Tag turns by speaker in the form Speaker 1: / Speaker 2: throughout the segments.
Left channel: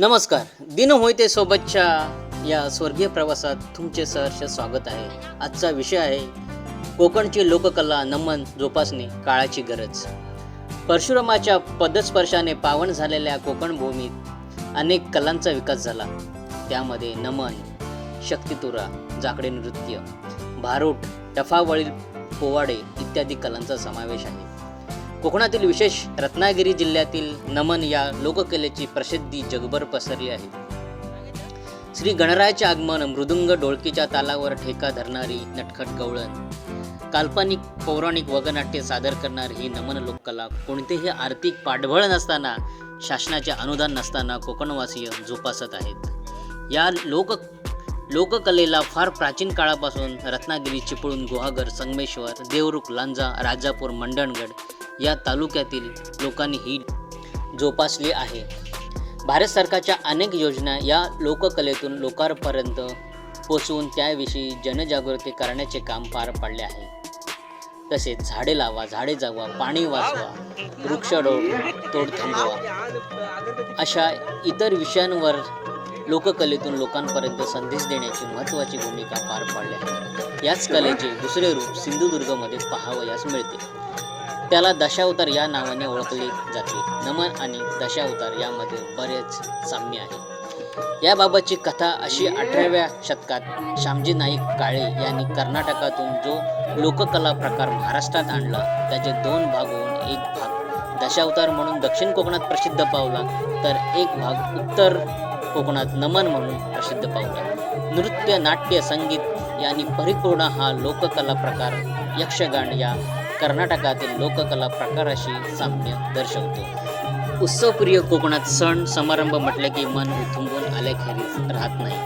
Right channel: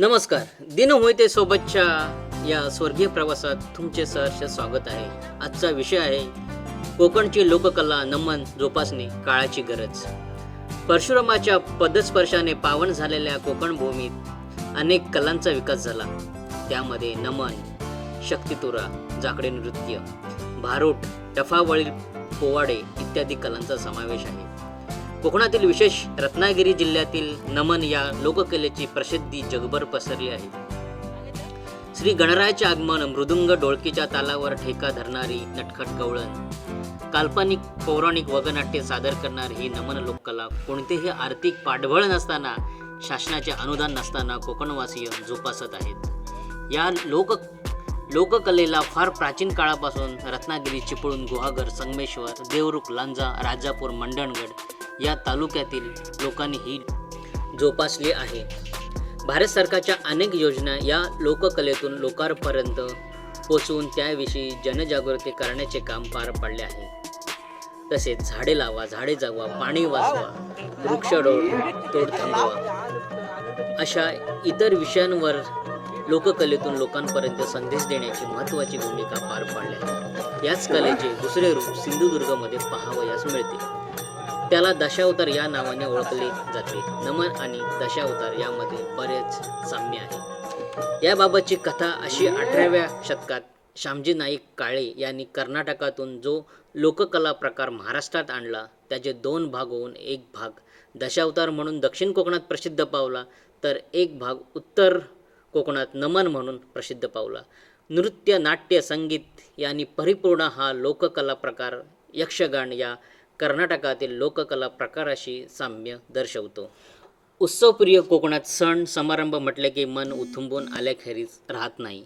Speaker 1: नमस्कार. दिन होईते सोबतच्या या स्वर्गीय प्रवासात तुमचे सहर्ष स्वागत आहे. आजचा विषय आहे कोकणची लोककला नमन जोपासणे काळाची गरज. परशुरामाच्या पदस्पर्शाने पावन झालेल्या कोकण भूमीत अनेक कलांचा विकास झाला. त्यामध्ये नमन शक्तितुरा जाकडे नृत्य भारूट टफावळील पोवाडे इत्यादी कलांचा समावेश आहे. कोकणातील विशेष रत्नागिरी जिल्ह्यातील नमन या लोककलेची प्रसिद्धी जगभर पसरली आहे. श्री गणरायाचे आगमन मृदुंग डोळकीच्या तालावर ठेका धरणारी नटखट गवळण. काल्पनिक पौराणिक वगनाट्य सादर करणारी ही नमन लोककला कोणतेही आर्थिक पाठबळ नसताना शासनाचे अनुदान नसताना कोकणवासीय जोपासत आहेत. या लोक लोककलेला फार प्राचीन काळापासून रत्नागिरी चिपळूण गुहागर संगमेश्वर देवरुख लांजा राजापूर मंडणगड या तालुक्यातील लोकांनी ही जोपासली आहे. भारत सरकारच्या अनेक योजना या लोककलेतून लोकांपर्यंत पोचवून त्याविषयी जनजागृती करण्याचे काम पार पाडले आहे. तसेच झाडे लावा झाडे जगवा पाणी वाचवा वृक्षडोळ तोड थांबवा अशा इतर विषयांवर लोककलेतून लोकांपर्यंत संदेश देण्याची महत्त्वाची भूमिका पार पाडली आहे. याच कलेचे दुसरे रूप सिंधुदुर्गमध्ये पाहावयास मिळते. त्याला दशावतार या नावाने ओळखले जाते. नमन आणि दशावतार यामध्ये बरेच साम्य आहे. याबाबतची कथा अशी अठराव्या शतकात श्यामजी नाईक काळे यांनी कर्नाटकातून जो लोककला प्रकार महाराष्ट्रात आणला त्याचे दोन भाग होऊन एक भाग. दशावतार म्हणून दक्षिण कोकणात प्रसिद्ध पावला तर एक भाग उत्तर कोकणात नमन म्हणून प्रसिद्ध पावला. नृत्य नाट्य संगीत यांनी परिपूर्ण हा लोककला प्रकार यक्षगान या कर्नाटकातील लोककला प्रकाराशी साम्य दर्शवतो. उत्सवप्रिय कोकणात सण समारंभ म्हटले की मन उथुंबून आल्याखेरीज राहत नाही.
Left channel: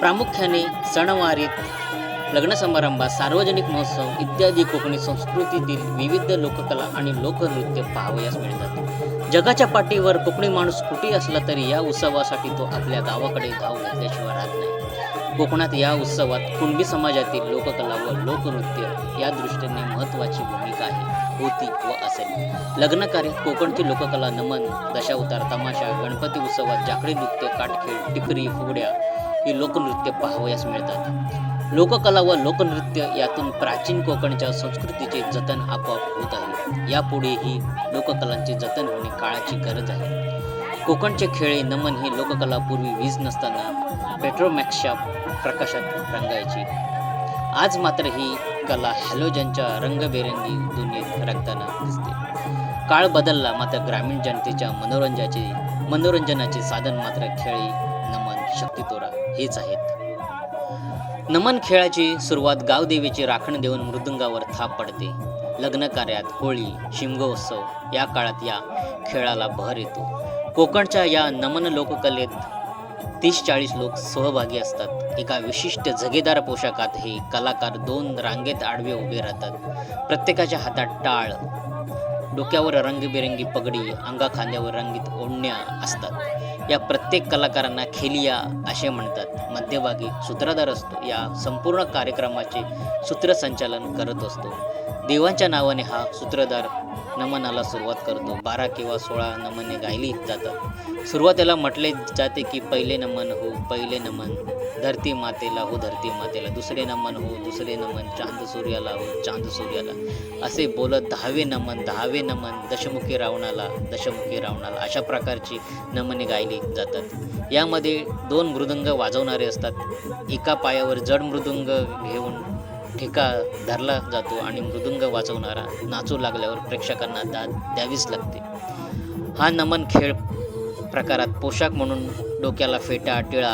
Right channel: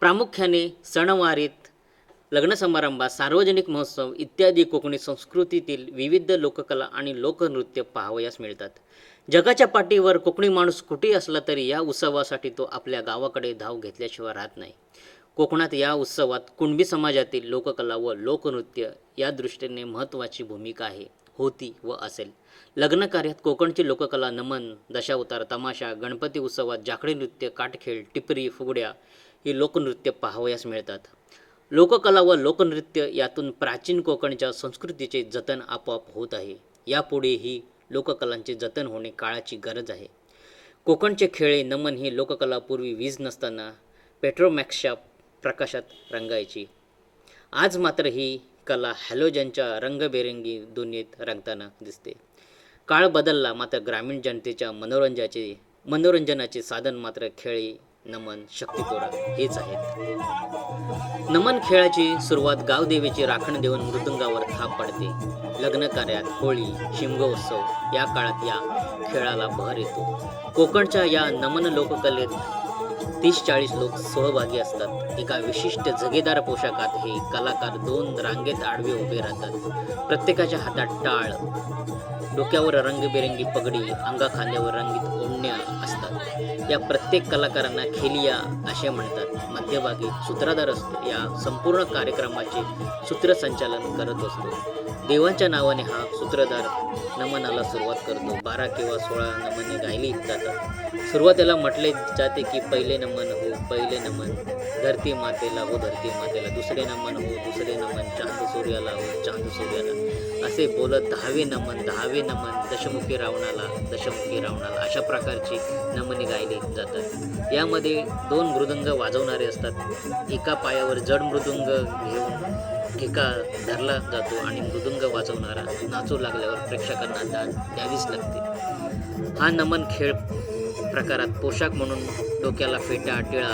Speaker 1: प्रामुख्याने सणवारीत लग्न समारंभात सार्वजनिक महोत्सव इत्यादी कोकणी संस्कृतीतील विविध लोककला आणि लोकनृत्य पाहावयास मिळतात. जगाच्या पाठीवर कोकणी माणूस कुठेही असला तरी या उत्सवासाठी तो आपल्या गावाकडे धाव घेतल्याशिवाय राहत नाही. कोकणात या उत्सवात कुणबी समाजातील लोककला व लोकनृत्य या दृष्टीने महत्त्वाची भूमिका आहे होती व असेल. लग्न कार्यात कोकणची लोककला नमन दशावतार तमाशा गणपती उत्सवात जाकडी नृत्य काटखेळ टिपरी फुगड्या ही लोकनृत्य पाहावयास मिळतात. लोककला व लोकनृत्य यातून प्राचीन कोकणच्या संस्कृतीचे जतन आपोआप होत आहे. यापुढेही लोककलांचे जतन होणे काळाची गरज आहे. कोकणचे खेळे नमन ही लोककला पूर्वी वीज नसताना पेट्रोमॅक्सच्या प्रकाशात रंगायची. आज मात्र ही कला हॅलोजनच्या रंगबेरंगी दुनियेत रंगताना दिसते. काळ बदलला मात्र ग्रामीण जनतेच्या मनोरंजनाचे मनोरंजनाचे साधन मात्र खेळी नमन शक्तितोरा हेच आहेत. नमन खेळाची सुरुवात गावदेवीची राखण देऊन मृदुंगावर थाप पडते. लग्न कार्यात होळी शिमगोत्सव या काळात या खेळाला भर येतो. कोकणच्या या नमन लोककलेत तीस चाळीस लोक सहभागी असतात. एका विशिष्ट जगेदार पोशाखात हे कलाकार दोन रांगेत आडवे उभे राहतात. प्रत्येकाच्या हातात टाळ. डोक्यावर रंगीबेरंगी पगडी अंगा खांद्यावर रंगीत ओढण्या असतात. या प्रत्येक कलाकारांना खेलिया असे म्हणतात. मध्यभागी सूत्रधार असतो. या संपूर्ण कार्यक्रमाचे सूत्रसंचालन करत असतो. देवांच्या नावाने हा सूत्रधार नमनाला सुरुवात करतो. बारा किंवा सोळा नमने गायली जातात. सुरुवातीला म्हटले जाते की पहिले नमन हो पहिले नमन. धरती मातेला हो धरती मातेला दुसरे नमन हो दुसरे नमन. चांद सूर्याला हो चांद सूर्याला असे बोलत दहावे नमन दहावे नमन दशमुखी रावणाला दशमुखी रावणाला अशा प्रकारची नमने गायली जातात. यामध्ये दोन मृदंग वाजवणारे असतात. एका पायावर जड मृदुंग घेऊन ठेका धरला जातो आणि मृदुंग वाजवणारा नाचू लागल्यावर प्रेक्षकांना दाद द्यावीच लागते. हा नमन खेळ प्रकारात पोशाख म्हणून डोक्याला फेटा टिळा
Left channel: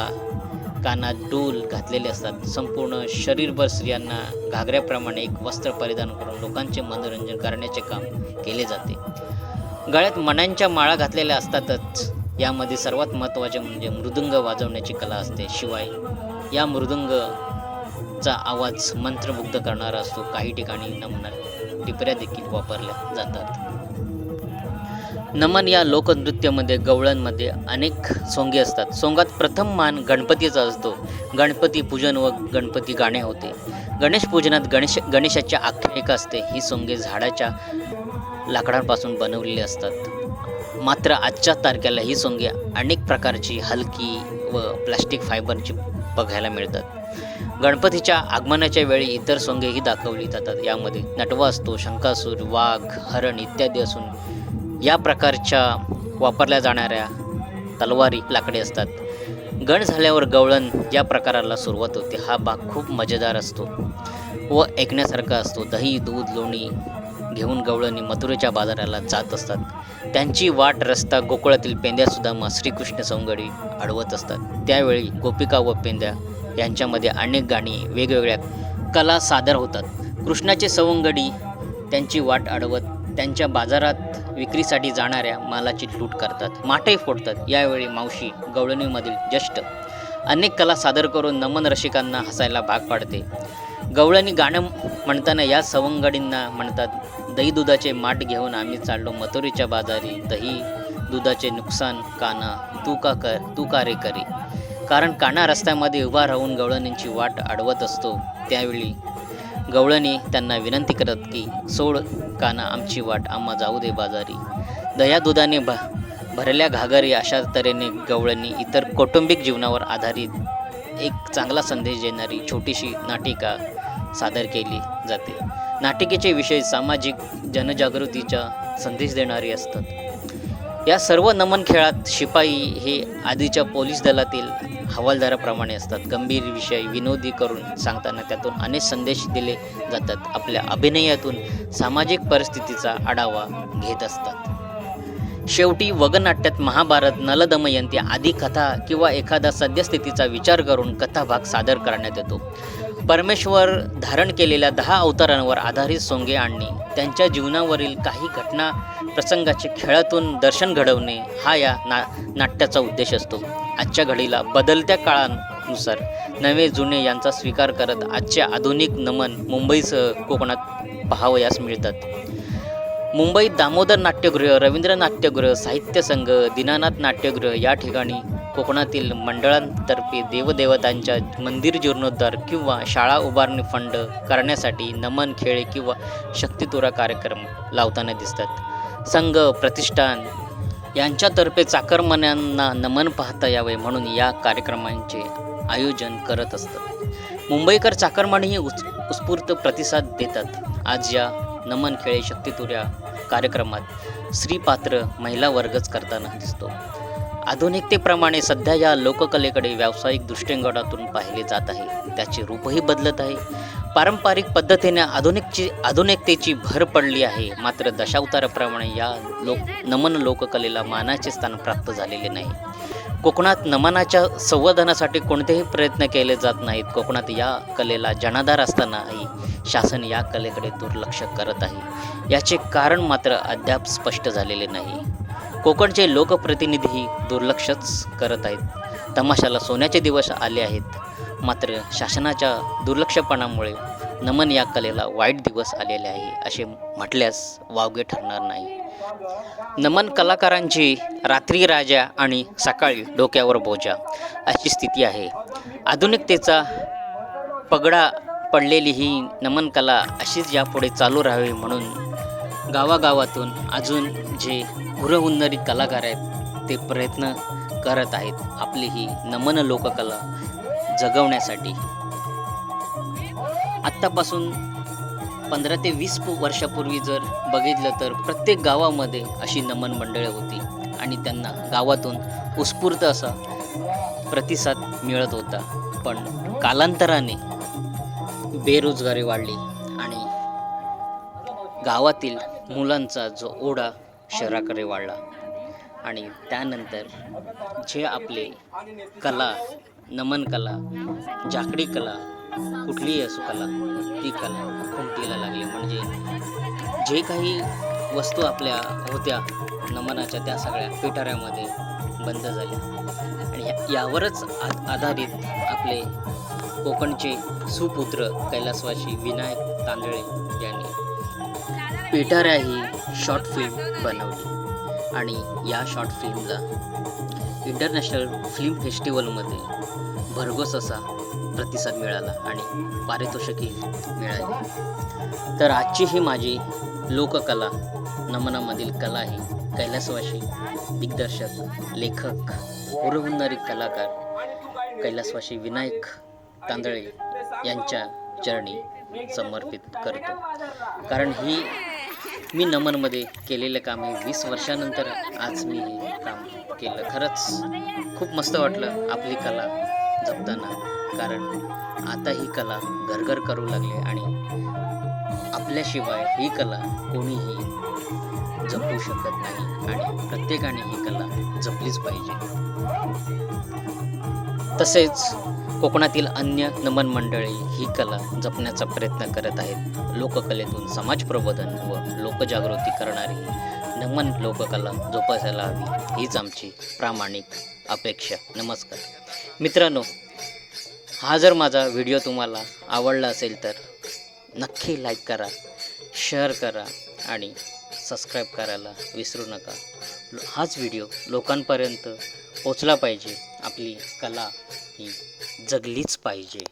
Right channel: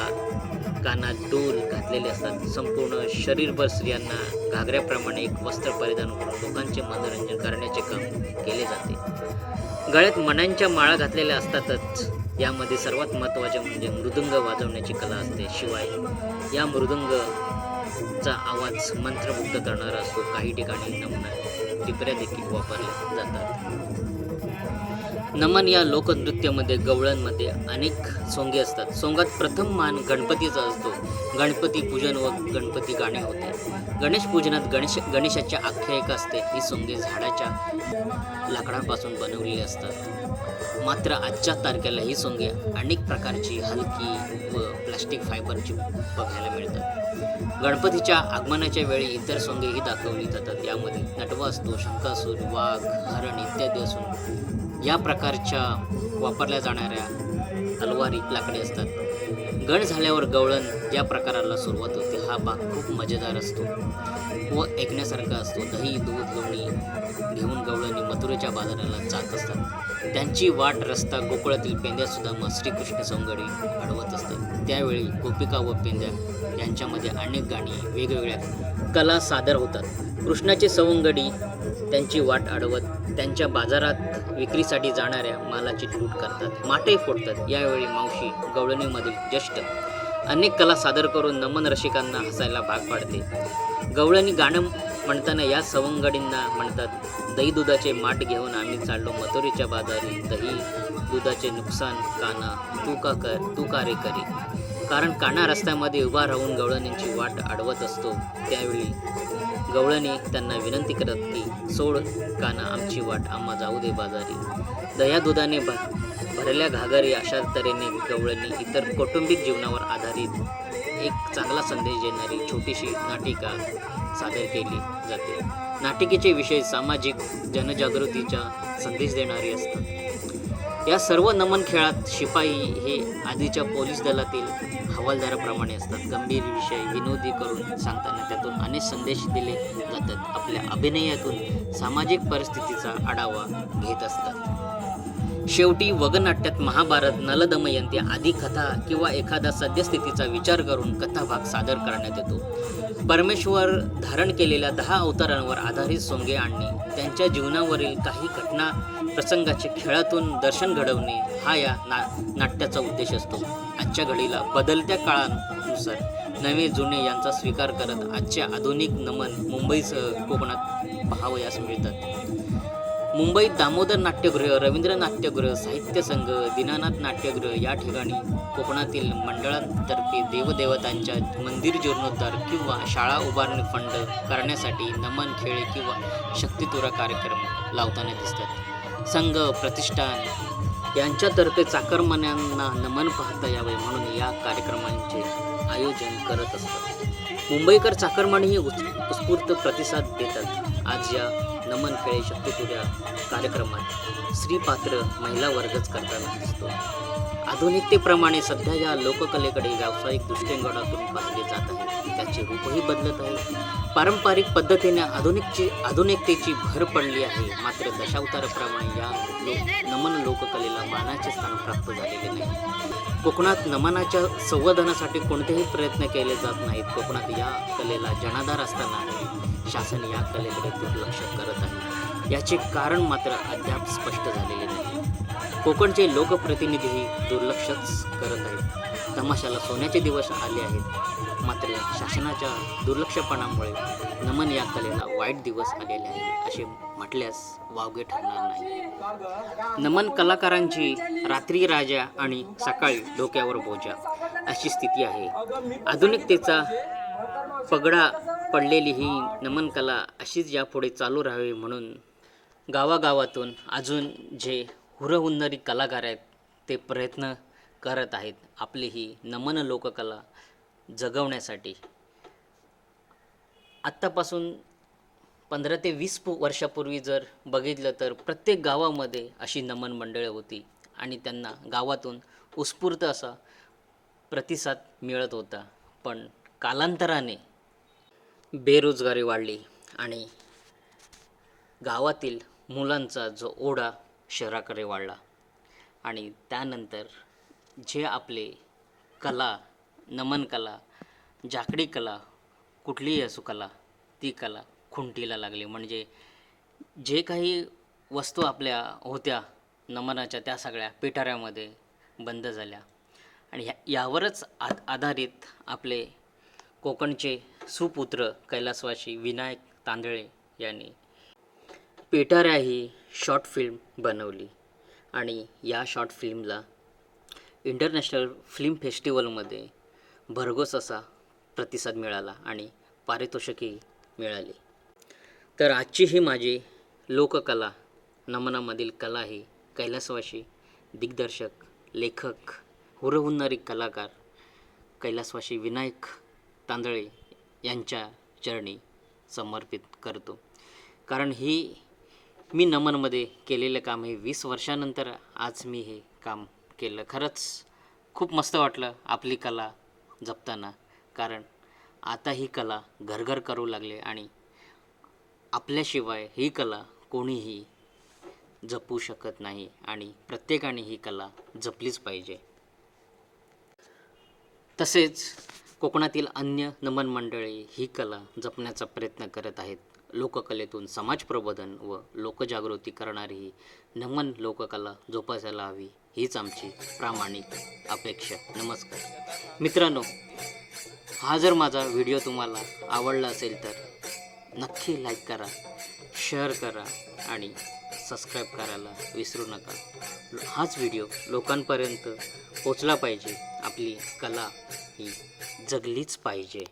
Speaker 1: कानात डोल घातलेले असतात. संपूर्ण शरीरभर स्त्रियांना घागऱ्याप्रमाणे एक वस्त्र परिधान करून लोकांचे मनोरंजन करण्याचे काम केले जाते. गळ्यात मण्यांच्या माळा घातलेल्या असतातच. यामध्ये सर्वात महत्त्वाचे म्हणजे मृदुंग वाजवण्याची कला असते. शिवाय या मृदुंगचा आवाज मंत्रमुग्ध करणारा असतो. काही ठिकाणी नमुना टिपऱ्या देखील वापरल्या जातात. नमन या लोकनृत्यामध्ये गवळ्यांमध्ये अनेक सोंगे असतात. सोंगात प्रथम मान गणपतीचा असतो. गणपती पूजन व गणपती गाणे होते. गणेश पूजनात गणेश गणेशाची आख्यायिका असते. ही सोंगे झाडाच्या लाकडांपासून बनवलेली असतात. मात्र आजच्या तारखेला ही सोंगे अनेक प्रकारची हलकी व प्लास्टिक फायबरची बघायला मिळतात. गणपतीच्या आगमनाच्या वेळी इतर सोंगेही दाखवली जातात. यामध्ये नटवा असतो शंकासूर वाघ हरण इत्यादी असून या प्रकारच्या वापरल्या जाणाऱ्या तलवारी लाकडी असतात. गण झाल्यावर गवळण या प्रकाराला सुरुवात होते. हा भाग खूप मजेदार असतो व ऐकण्यासारखा असतो. दही दूध लोणी घेऊन गवळणी मथुरेच्या बाजाराला जात असतात. त्यांची वाट रस्ता गोकुळातील पेंद्यासुद्धा मग श्रीकृष्ण सौंगडी अडवत असतात. त्यावेळी गोपिका व पेंद्या यांच्यामध्ये अनेक गाणी वेगवेगळ्या कला सादर होतात. कृष्णाचे सवंगडी त्यांची वाट अडवत त्यांच्या बाजारात विक्रीसाठी जाणाऱ्या मालाची लूट करतात. माटही फोडतात. यावेळी मावशी गवळणीमधील ज्येष्ठ अनेक कला सादर करून नमन रसिकांना हसायला भाग पाडते. गवळणी गाणं म्हणताना या सवंगडींना म्हणतात दही दुधाचे माठ घेऊन आम्ही चाललो मथुरीच्या बाजारी. दही दुधाचे नुकसान काना तू का कर तू का रे करे? कारण काना रस्त्यामध्ये उभा राहून गवळणींची वाट अडवत असतो. त्यावेळी गवळणी त्यांना विनंती करत की सोड काना आमची वाट आम्हा जाऊ दे बाजारी. दह्या दुधाने भ भरल्या घागरी अशा तऱ्हेने गवळणी इतर कौटुंबिक जीवनावर आधारित एक चांगला संदेश देणारी छोटीशी नाटिका सादर केली जाते. नाटिकेचे विषय सामाजिक जनजागृतीचा संदेश देणारे असतात. या सर्व नमन खेळात शिपाई हे आधीच्या पोलीस दलातील हवालदाराप्रमाणे असतात. गंभीर विषय विनोदी करून सांगताना त्यातून अनेक संदेश दिले जातात. आपल्या अभिनयातून सामाजिक परिस्थितीचा आढावा घेत असतात. शेवटी वगनाट्यात महाभारत नलदमयंती आदी कथा किंवा एखादा सद्यस्थितीचा विचार करून कथाभाग सादर करण्यात येतो. परमेश्वर धारण केलेल्या दहा अवतारांवर आधारित सोंगे आणणे त्यांच्या जीवनावरील काही घटना प्रसंगाचे खेळातून दर्शन घडवणे हा या ना नाट्याचा उद्देश असतो. आजच्या घडीला बदलत्या काळानुसार नवे जुने यांचा स्वीकार करत आजचे आधुनिक नमन मुंबईसह कोकणात पाहावयास मिळतात. मुंबईत दामोदर नाट्यगृह रवींद्र नाट्यगृह साहित्य संघ दीनानाथ नाट्यगृह या ठिकाणी कोकणातील मंडळांतर्फे देवदेवतांच्या मंदिर जीर्णोद्धार किंवा शाळा उभारणी फंड करण्यासाठी नमन खेळे किंवा शक्तितुरा कार्यक्रम लावताना दिसतात. संघ प्रतिष्ठान यांच्यातर्फे चाकरमान्यांना नमन पाहता यावे म्हणून या कार्यक्रमांचे आयोजन करत असतात. मुंबईकर चाकरमानही उत् उत्स्फूर्त प्रतिसाद देतात. आज या नमन खेळे शक्तितुऱ्या कार्यक्रमात स्त्रीपात्र महिला वर्गच करताना दिसतो. आधुनिकतेप्रमाणे सध्या या लोककलेकडे व्यावसायिक दृष्टिकोनातून पाहिले जात आहे त्याचे रूपही बदलत आहे. पारंपरिक पद्धतीने आधुनिकची आधुनिकतेची भर पडली आहे. मात्र दशावताराप्रमाणे या लोक नमन लोककलेला मानाचे स्थान प्राप्त झालेले नाही. कोकणात नमनाच्या संवर्धनासाठी कोणतेही प्रयत्न केले जात नाहीत. कोकणात या कलेला जनाधार असतानाही शासन या कलेकडे दुर्लक्ष करत आहे. याचे कारण मात्र अद्याप स्पष्ट झालेले नाही. कोकणचे लोकप्रतिनिधीही दुर्लक्षच करत आहेत. तमाशाला सोन्याचे दिवस आले आहेत. मात्र शासनाच्या दुर्लक्षपणामुळे नमन या कलेला वाईट दिवस आलेले आहे असे म्हटल्यास वावगे ठरणार नाही. नमन कलाकारांची रात्री राजा आणि सकाळी डोक्यावर बोजा अशी स्थिती आहे. आधुनिकतेचा पगडा पडलेली ही नमन कला अशीच यापुढे चालू राहावी म्हणून गावागावातून अजून जे हुरहुन्नरी कलाकार आहेत. ते प्रयत्न करत आहेत आपली ही नमन लोककला जगवण्यासाठी. आत्तापासून पंधरा ते वीस वर्षापूर्वी जर बघितलं तर प्रत्येक गावामध्ये अशी नमन मंडळे होती आणि त्यांना गावातून उत्स्फूर्त असा प्रतिसाद मिळत होता. पण कालांतराने बेरोजगारी वाढली आणि गावातील मुलांचा जो ओढा शहराकडे वाढला. आणि त्यानंतर जे आपले कला नमन कला जाकडी कला कुठलीही असो कला ती कला खुंटीला लागली. म्हणजे जे काही वस्तू आपल्या होत्या नमनाच्या त्या सगळ्या पिटाऱ्यामध्ये बंद झाल्या. आणि यावरच आ आधारित आपले कोकणचे सुपुत्र कैलासवासी विनायक तांदळे यांनी पीटरा ही शॉर्ट फिल्म बनवली. आणि या शॉर्ट फिल्मला इंटरनॅशनल फिल्म फेस्टिवलमध्ये भरघोस असा प्रतिसाद मिळाला आणि पारितोषिकही मिळाली. तर आजची ही माझी लोककला नमनामधील कला ही कैलासवाशी दिग्दर्शक लेखक हुरहुन्नरी कलाकार कैलासवाशी विनायक तांदळे यांच्या चरणी समर्पित करतो. कारण ही मी नमनमध्ये केलेलं काम हे वीस वर्षानंतर आज मी हे काम केलं. खरंच खूप मस्त वाटलं आपली कला जपताना. कारण आता ही कला घरघर करू लागले आणि आपल्याशिवाय ही कला कोणीही जपू शकत नाही आणि प्रत्येकाने ही कला जपलीच पाहिजे. तसेच कोकणातील अन्य नमन मंडळी ही कला जपण्याचा प्रयत्न करत आहेत. लोककलेतून समाज प्रबोधन व लोकजागृती करणारी नमन लोककला जोपासायला हवी हीच आमची प्रामाणिक अपेक्षा. नमस्कार. मित्रांनो हा जर माझा व्हिडिओ तुम्हाला आवडला असेल तर नक्की लाईक करा शेअर करा आणि सबस्क्राईब करायला विसरू नका. हाच व्हिडिओ लोकांपर्यंत पोचला पाहिजे. आपली कला ही जगलीच पाहिजे.